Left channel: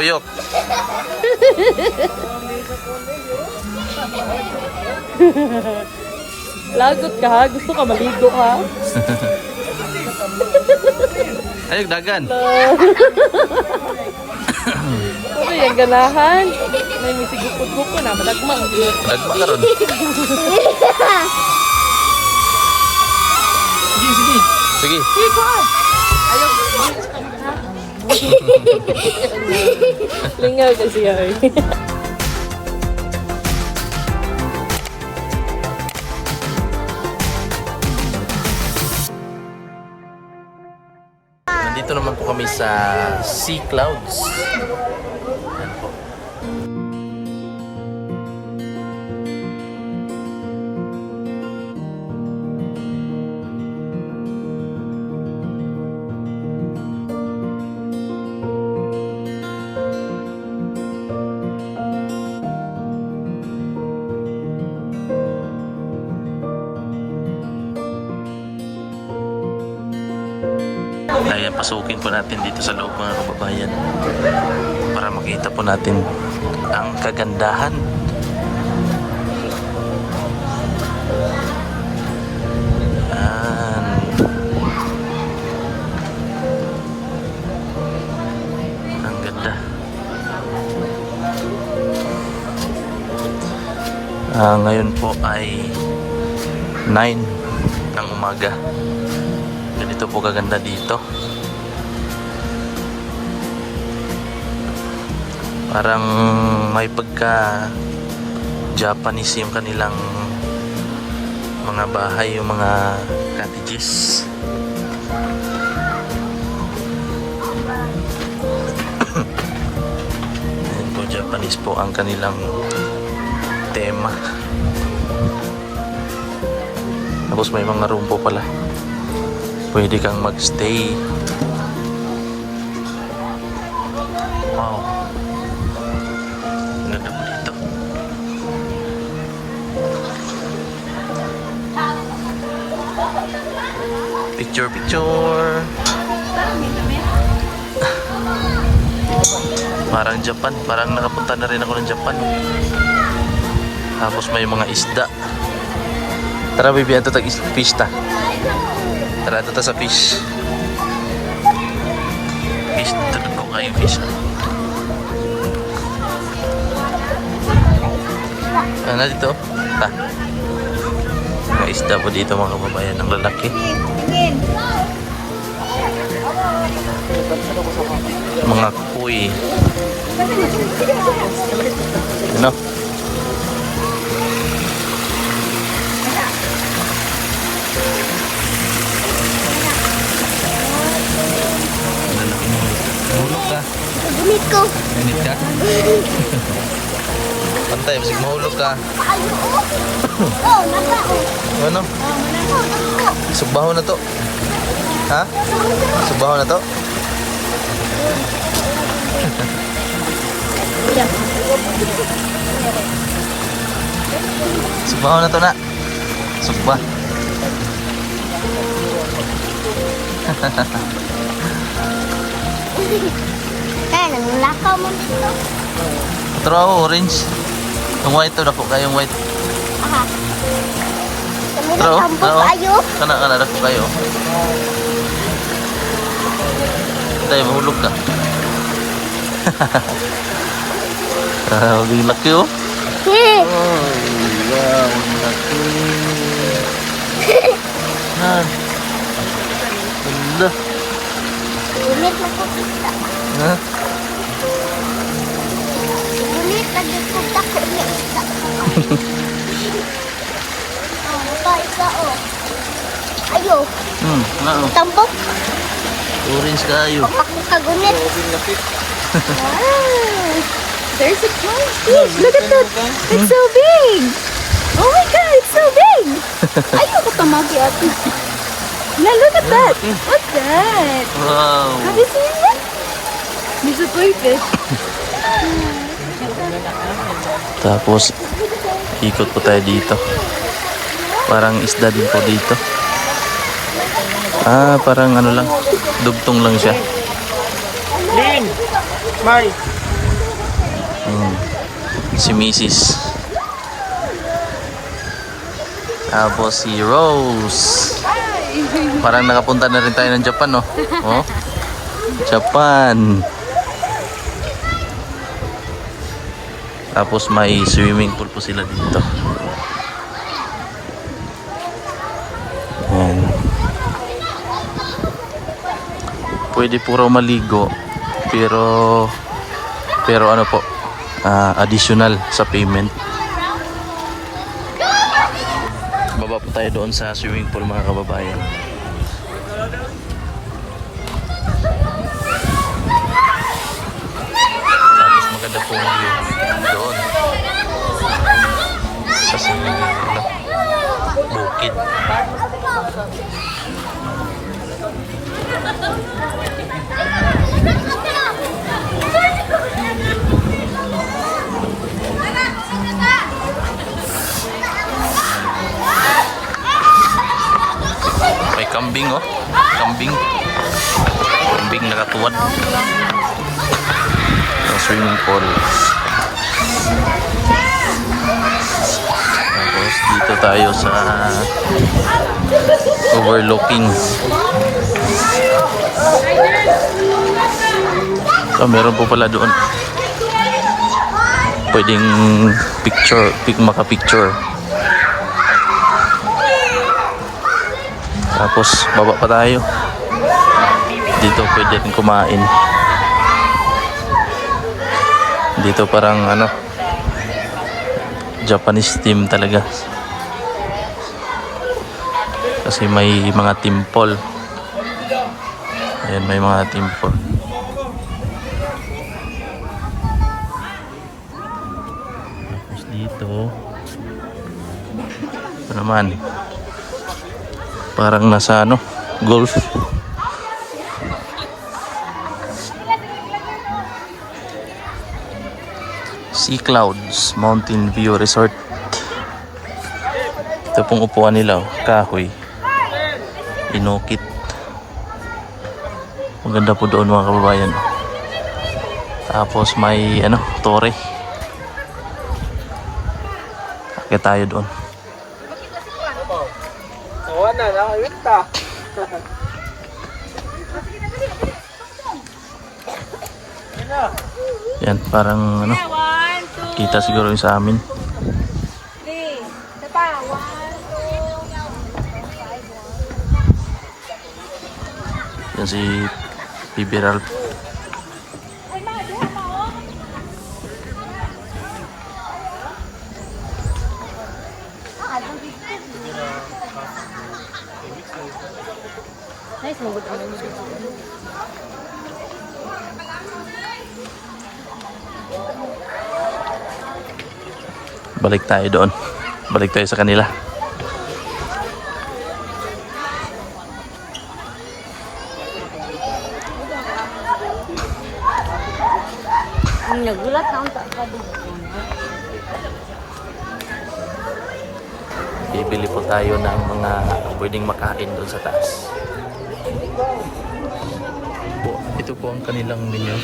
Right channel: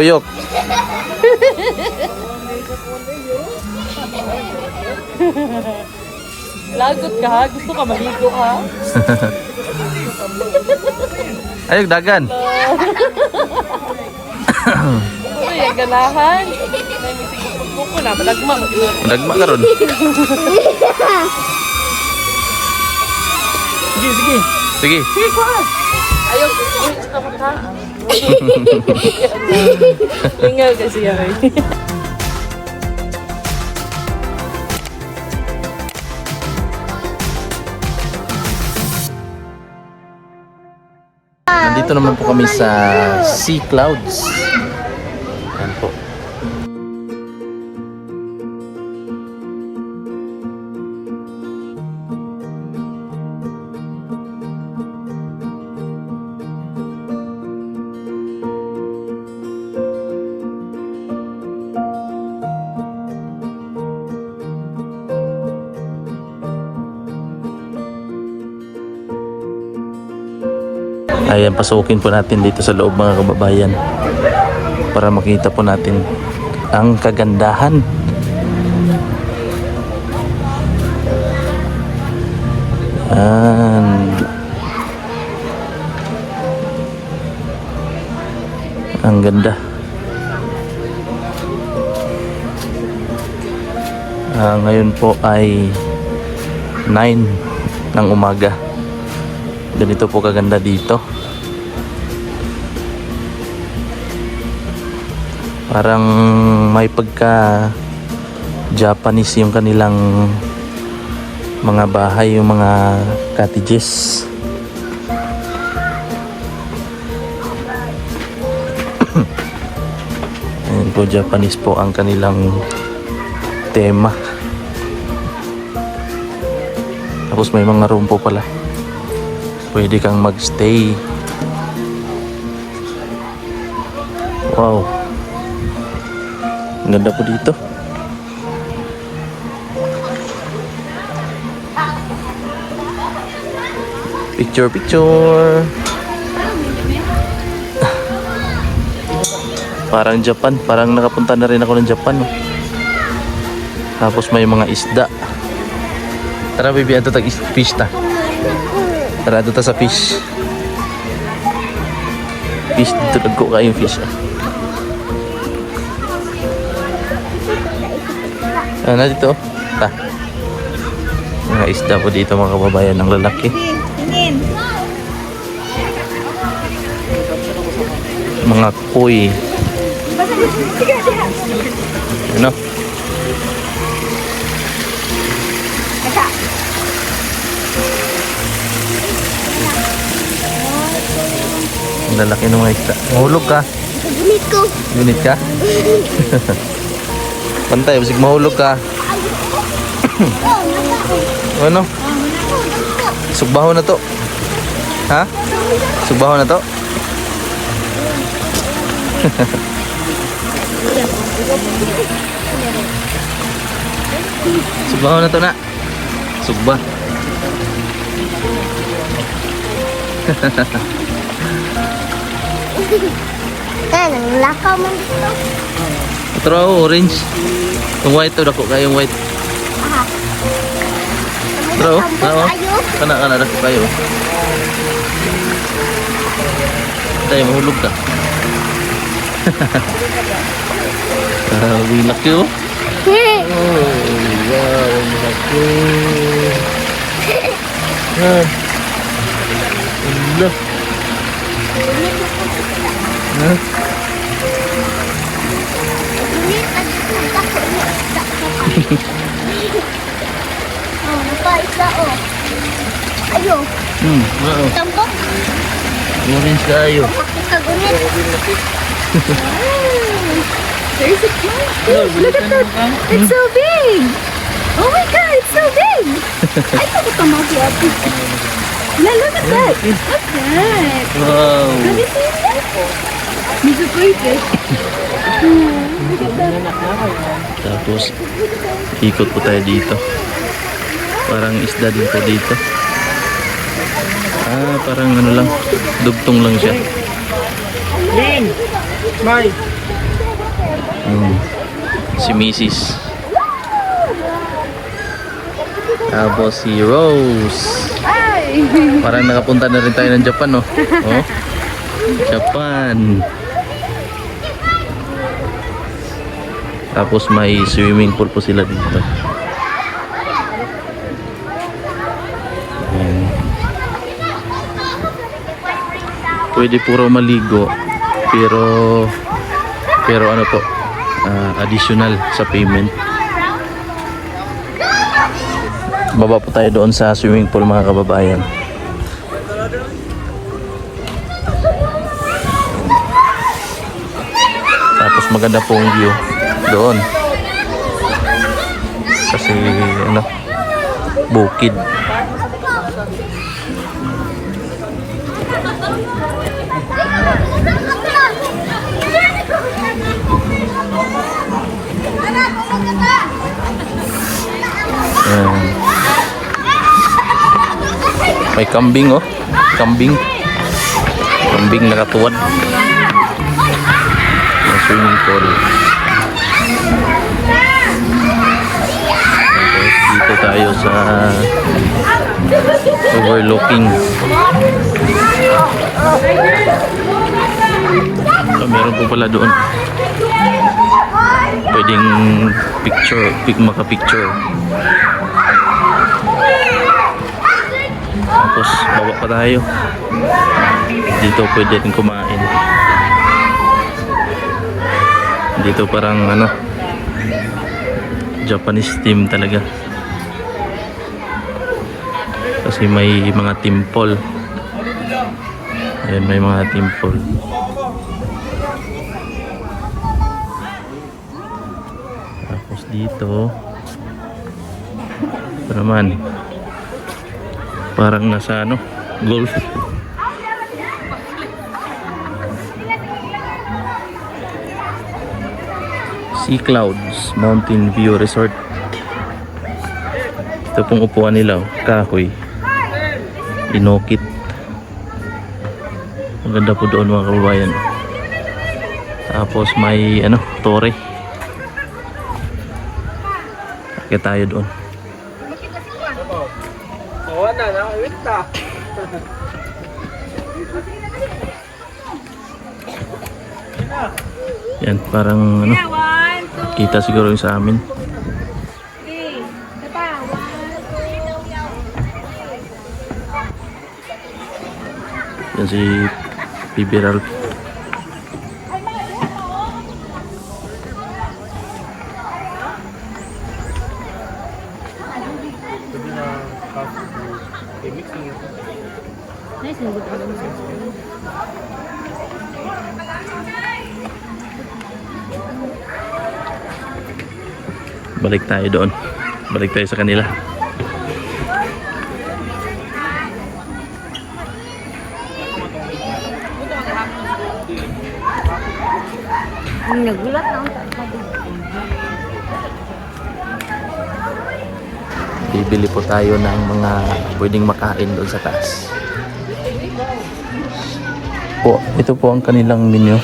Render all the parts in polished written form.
Tuyok. Lagot ka ha? Gusto ka maligo ha? Ayog, dagan. Uy, ay ganahan. Ay, misigit mo ko na. Malagmang. Dagma ka ron. Sige. Sige. Sige ko. Ayaw ko. Stop ha? Ingal kasi yan. Nandito naman po kami sa Sea Clouds. Yan po. Ayan, pasukin po natin dito sa loob mga kababayan para makita po natin ang kagandahan. Ayan. Ang ganda. Ngayon po ay 9 ng umaga. Ganito po kaganda dito. Parang may pagka Japanese yung kanilang mga bahay, yung mga cottages. Ayan po, Japanese po ang kanilang tema. Tapos may mga room po pala. Pwede kang magstay. Wow. Ang ganda po dito. Picture. Parang Japan. Parang nakapunta na rin ako ng Japan. Tapos may mga isda. Tara baby, ato tag fish ta. Tara ato ta sa fish. Fish, tulad ko kayong fish. Ano dito? Mga isda po dito mga kababayan ng lalaki. Mga koi. Ano? Ang lalaki ng mga isda. Mahulog ka? Gunit ko. Gunit ka? Pantay, basig mahulog ka. Oh, nasa. Ano? Sugbaho na to. Ha? Sugbaho na to? Sugbaho na to na. Sugba. Nanglakaw man dito. Pero ako, orange. Yung white to, dako kayong white. Aha. Pero, oo. Kana, dako kayo. Tayo, mahulog ka. Ang laki oh. Oh, wow, ang laki. Yan. Ula. Ha? Gunit na dito. Bako niya isda. Oh, napa-isda oh. Ayo. Oo. Tambok. Orange kayo. Kagunit. Wow. There's a cat. Look at that. It's so big. Oh my God, it's so big. Ayaw ko tumagi ako. Now look at that. What's that? Wow. Have you seen that? He's a crayfish. Tapos, ikot po tayo dito. Parang isda din po dito. Parang ano lang, dugtong lang siya. Si Mrs. Tapos si Rose. Parang nakapunta na rin tayo ng Japan, no? Oh. Japan. Tapos may swimming pool po sila dito. Ayan. Pwede po raw maligo, pero ano po, additional sa payment. Baba po tayo doon sa swimming pool, mga kababayan. Tapos maganda pong view doon. Kasi ano, bukid. May kambing, oh. Kambing nakatuwad. May swimming pool. Tapos dito tayo sa overlooking. So, meron po pala doon. Pwedeng maka-picture. Tapos baba pa tayo. Dito pwede rin kumain. Dito parang ano, Japanese theme talaga. Kasi may mga temple. Ayan, may mga temple. Tapos dito ito naman, parang nasa ano, golf. Sea Clouds Mountain View Resort. Ito pong upuan nila, oh, kahoy, inukit. Maganda po doon, mga kababayan. Tapos may ano, tore. Akit tayo doon. Yan, parang ano, kita siguro yung sa amin. Yan si Bibi Ralph. Balik tayo doon. Balik tayo sa kanila. Nagulat na. Bibili po tayo ng mga pwedeng makain doon sa taas. Po, ito po ang kanilang menu.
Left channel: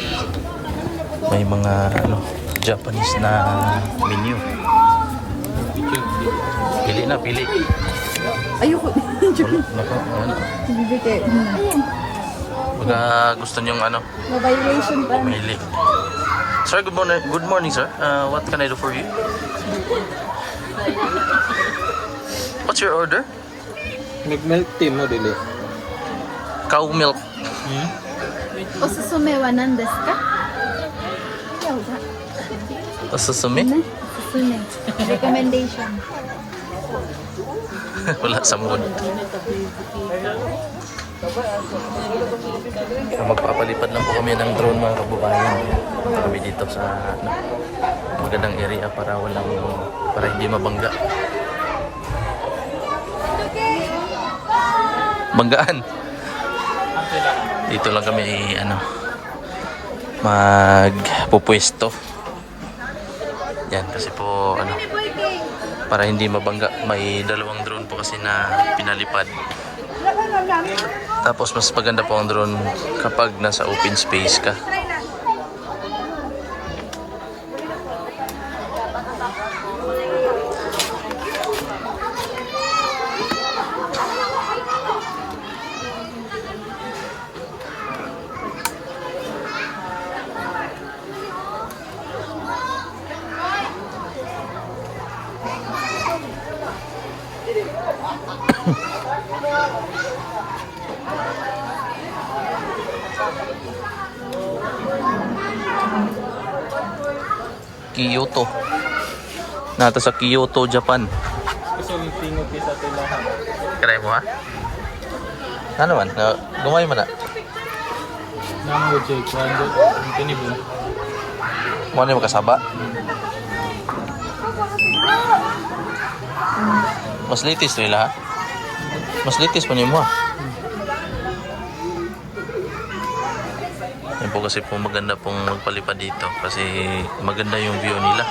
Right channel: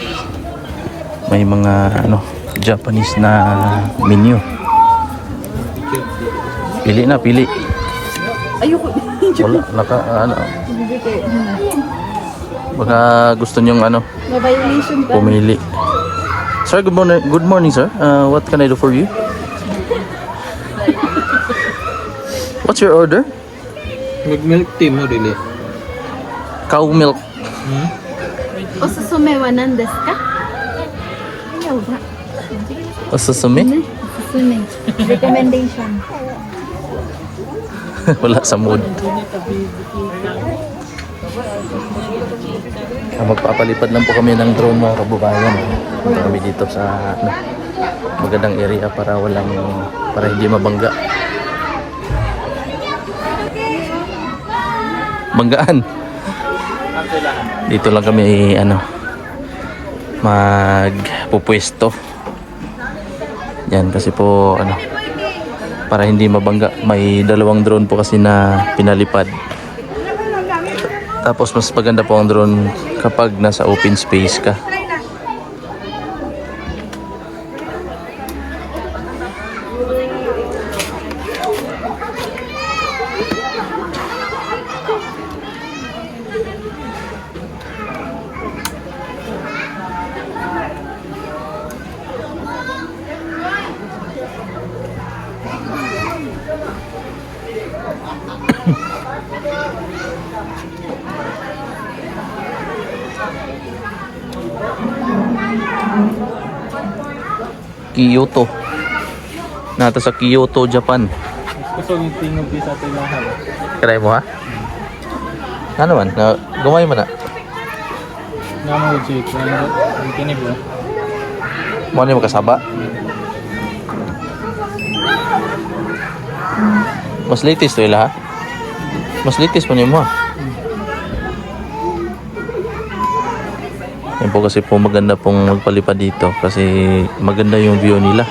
May mga ano, Japanese na menu. Pili na, pili. Ayoko. Wala, ano. Baka gusto niyong ano, Ma-violation pa. pumili. Sir, good morning. Good morning, sir. What can I do for you? What's your order? Mag-milk tea mo, dili. Cow milk. Osusume wa nan desu ka? Ayaw ba? Osusume? Osusume. Recommendation. Wala sa mood. Magpapalipad lang po kami ng drone, mga kababayan. Punta kami dito sa ano, magandang area para hindi mabangga. Banggaan. Dito lang kami ano, magpupwesto. Yan kasi po ano, para hindi mabangga. May 2 drone po kasi na pinalipad. Tapos mas maganda po ang drone kapag nasa open space ka. Kyoto. Nata sa Kyoto, Japan. Gusto ng tingog sa tinahan. Try mo ha? Ano man? Gumay mo na. Nga mo siya 200. Ang kinib mo. Mo ano yung makasaba? Mas litis wala ha? Mas litis pa niyo mo ha? Yan po kasi po maganda pong magpalipad dito kasi maganda yung view nila.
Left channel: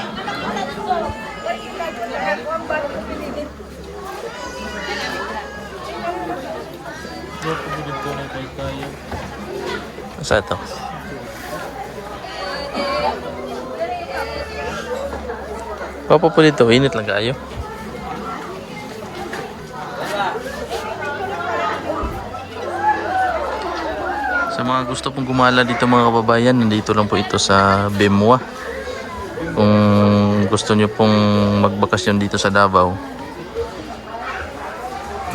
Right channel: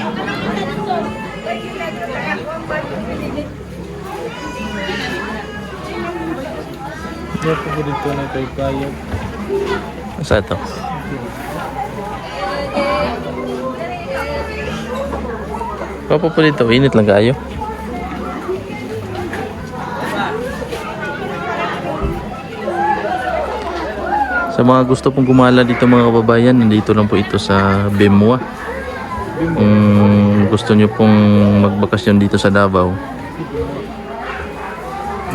Hindi ako po dito na kay kaya. Saan ito? Papa po dito, init lang kayo. Sa mga gusto pong gumala dito mga kababayan, nandito lang po ito sa Bemwa. Kung gusto nyo pong magbakasyon dito sa Davao,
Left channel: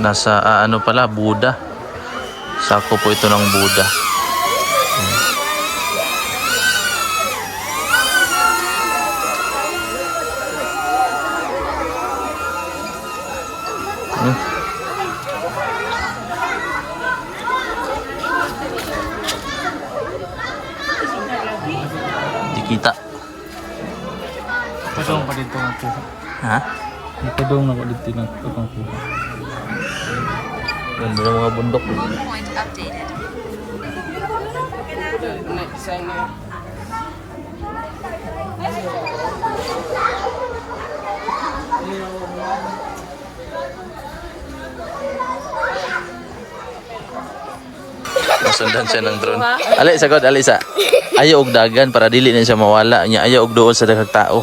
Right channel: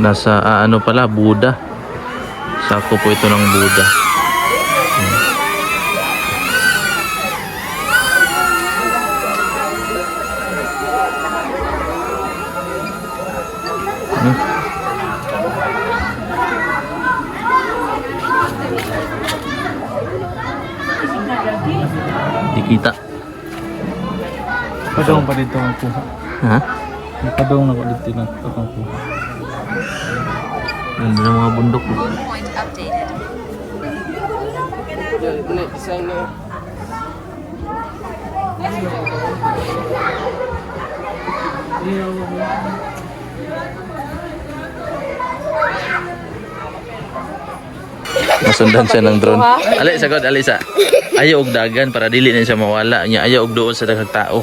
nasa ano pala, Buda. Sako po ito ng Buda. Di kita. Padong pa dito ang kuha. Ha? Padong na ko dito na ang kuha. Yan na mga bundok. Point updated. Nasundan siya ng drone. Ali, sagod, Alisa. Ayaw og dagan para dili na siya mawala. Nya ayaw og doon sa daghang tao.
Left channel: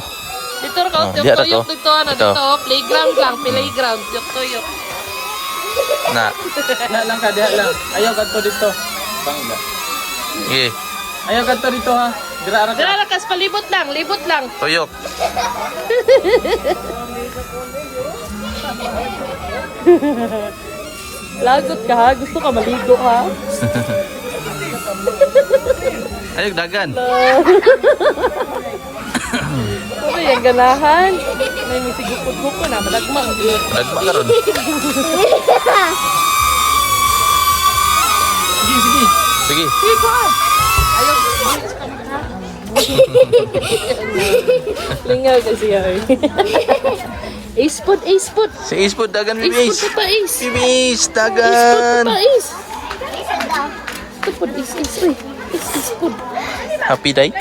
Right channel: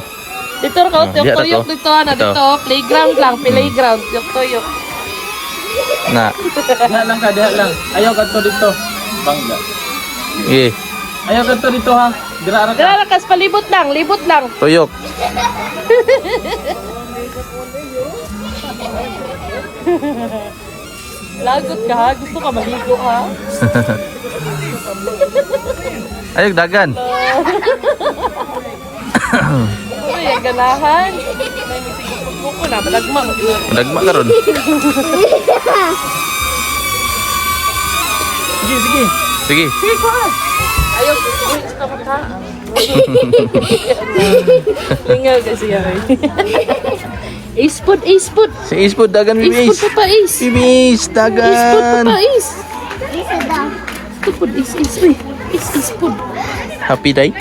Dito ko, Ah, diya ra to. dito, Ito. dito, playground lang, playground. Tuyok. Na. Diha lang ka, diha lang. Ayaw ka to dito. Bangga. Eh, Ayaw ka to dito ha. Dira ra ka. Kaya lakas, palibot lang, libot lang. tuyok. Lagot ka ha, gusto ka maligo ha. Ayaw og dagan. Uy, ang ganahan. May mitigil mo ko na, malagmang. Dagma karon. Sige, sige. Sige. Ayaw ko po, ha. Ingal kasi yan. Ace food, ace food. Si Ispod dagan Ace bibis. food pa pa, ace. Bibis Ace food dagan. pa pa, ace. Ace food, ace, ace, uy. Ace, ace food. Happy day.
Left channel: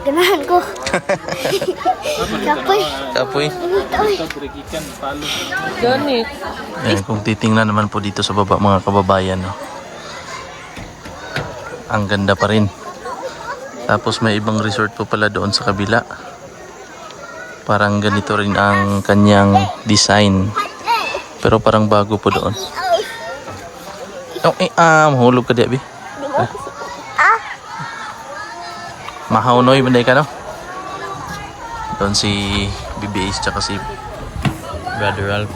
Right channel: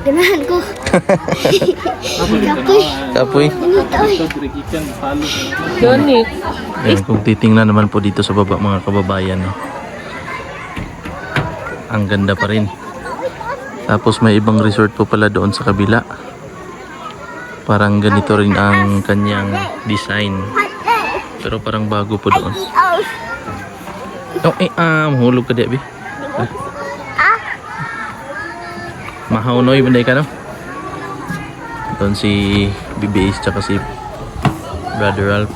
Ganahan ko. Kapoy. Kapoy. Init, oy. Ito, berikikan. Palo. Gunit. Ayan, kung titingnan naman po dito sa baba mga kababayan, no? Ang ganda pa rin. Tapos may ibang resort po pala doon sa kabila. Parang ganito rin ang kanyang design. Pero parang bago po doon. Oh, mahulog ka di, Abi. Mahaunoy, banday ka, no? Doon si BBH tsaka si Brother Ralph.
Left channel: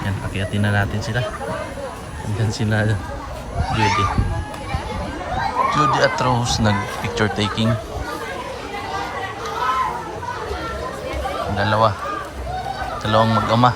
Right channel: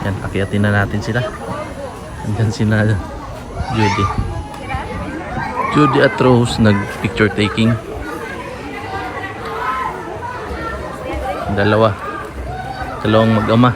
Yan, pakiatin na natin sila. Andyan sila, Judy. Judy at Rose nag-picture taking. Dalawang mag-ama.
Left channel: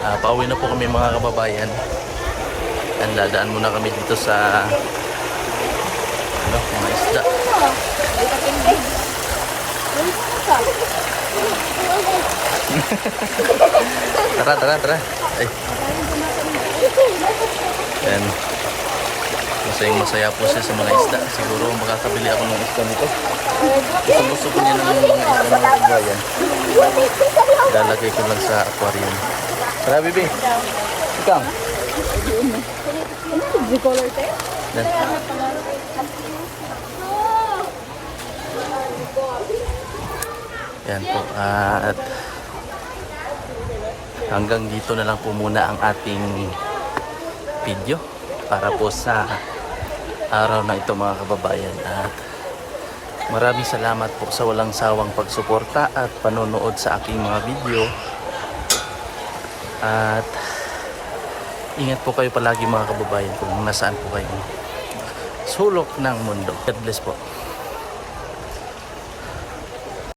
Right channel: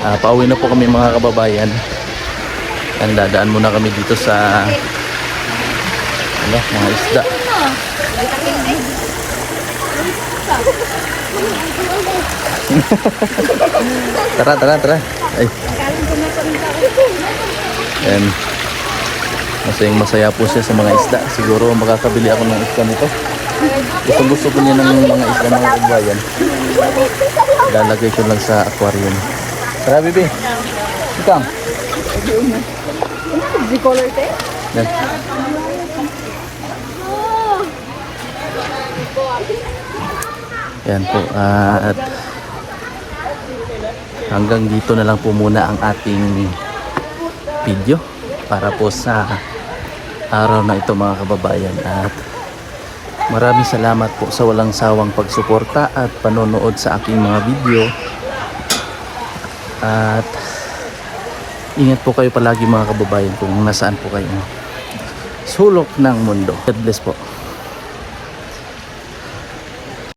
Pauwi na po kami mga kababayan. And dadaan muna kami dito sa mga isda. Tara. Ay. Yan. Masaya po siya sa mga isda. Siguro makakabili ako ng isda nito. Gusto po niya ng mga isda mga kababayan. Lalagay ko lang sa aquarium. Tara, bibi. Ikaw. Yan. Yan po. At hanggang dito na lang po muna ang ating video para po sa araw na ito mga kababayan. At maraming salamat po sa walang sawang pagsuporta at panonood sa aking mga video. At ingat po kayo palagi mga kababayan kung nasaan po kayo sulok ng mundo. God bless po.